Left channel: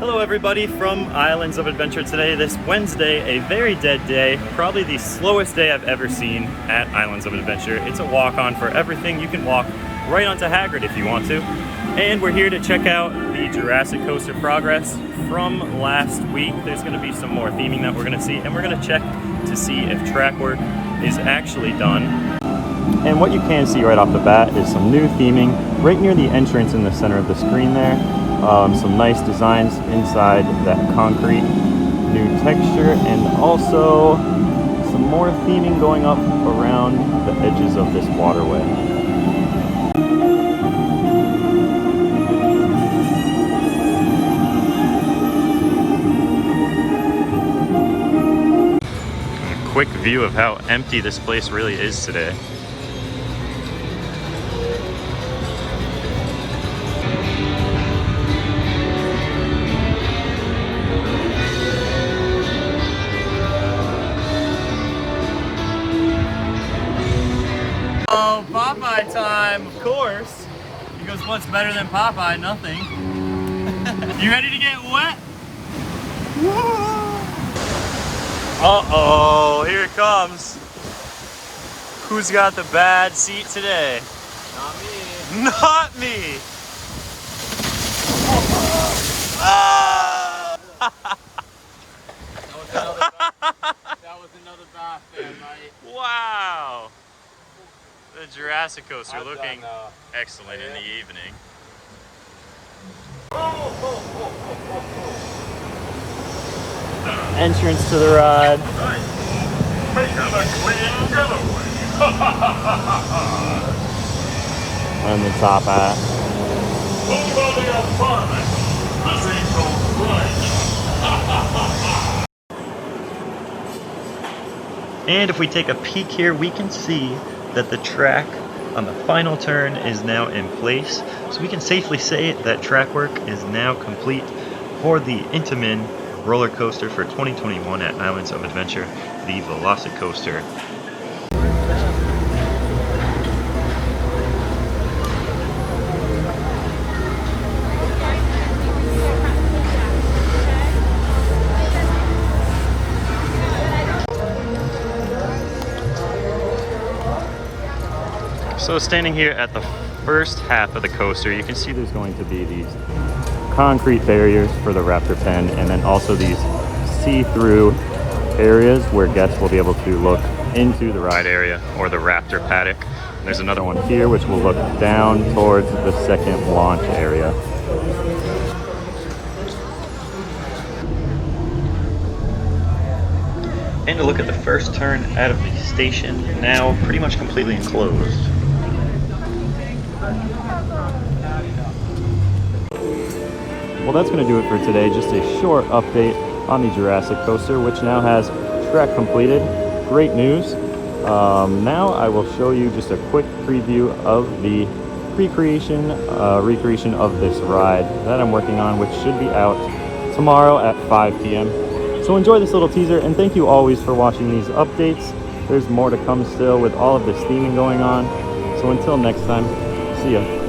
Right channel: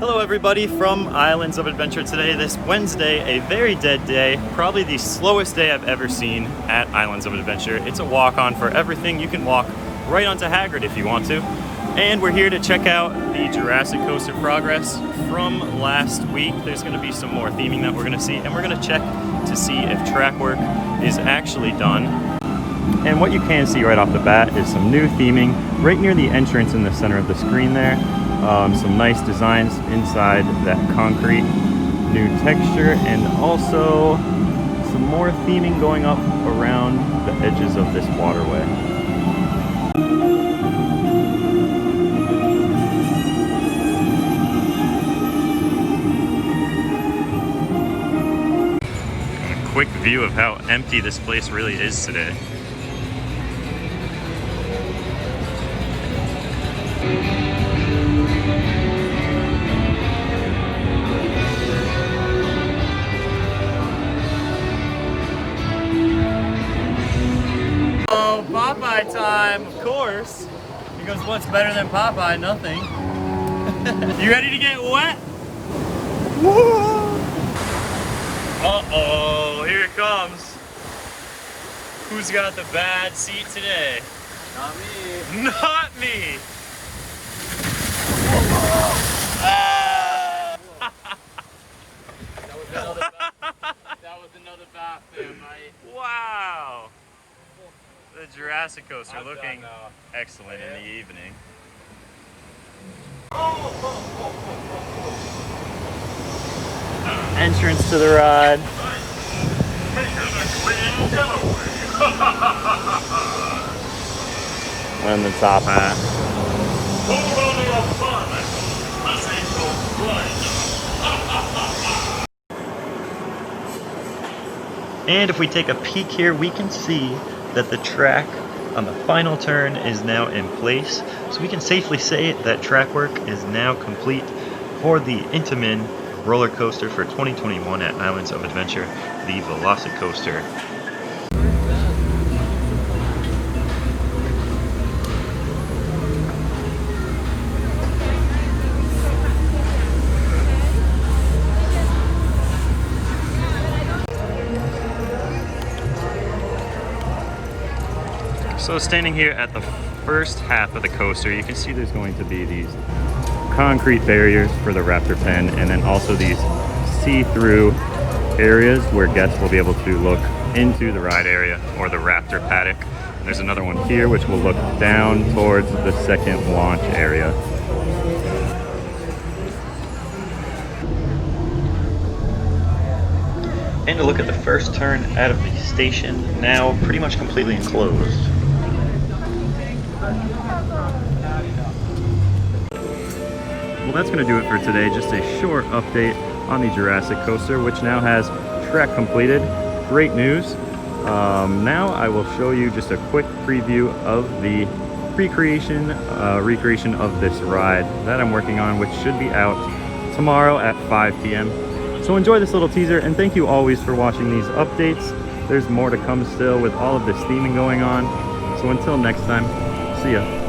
Hello everybody from Islands of Adventure today, this Wednesday, a very dead day, probably the slowest day I've ever seen at Islands of Adventure. It's a walk-on for everything. You can walk right onto Haggard if you want to. And we're here to check out the Jurassic Coaster progress from last week. There's going to be some more theming that we're going to see, and we're going to check to see if track work is actually done. And what you can see right off the bat is some new theming right near the entrance in the center of the screen there. Some nice designs inside that concrete, new texture, and also some more theming going up around the edges of this waterway. A quick view of how empty this place really is today. Oh, Popeye time, of course. He goes, what's better than Popeye? Nothing. You ready to get wet? Woo! Uh-oh, here it comes. Who's got the bad seat today? Not me. Not me! Ah! That was another bath there, mate. Wow! The Jurassic Coaster looking excellent in the evening. Entrance to the ride. And the top hat. And if we take a peek here, we can see that the track on the final turn is now in place. So we can safely say that track work is now complete for the Intamin roller coaster for 2021 at Islands of Adventure, the Velocicoaster. So standing here at the first half of the coaster, you can see there's going to be these concrete barriers for the Raptor pen, and then also these see-through areas where guests will be able to look into the ride area or the Raptor paddock. And there's another one here which will look down towards the second launch area. And to look at the first turn out of the station, now pretty much completely enclosed. Well, that's going to do it for today. Just a short update on the Jurassic Coaster, which now has track completed. Great news. Now I will show you just a quick preview of the recreation of this ride that I'm working on, which should be out tomorrow at 5 p.m. So enjoy this little teaser, and thank you always for watching these updates. There's more to come still with all of this theming going on. So until next time, see ya.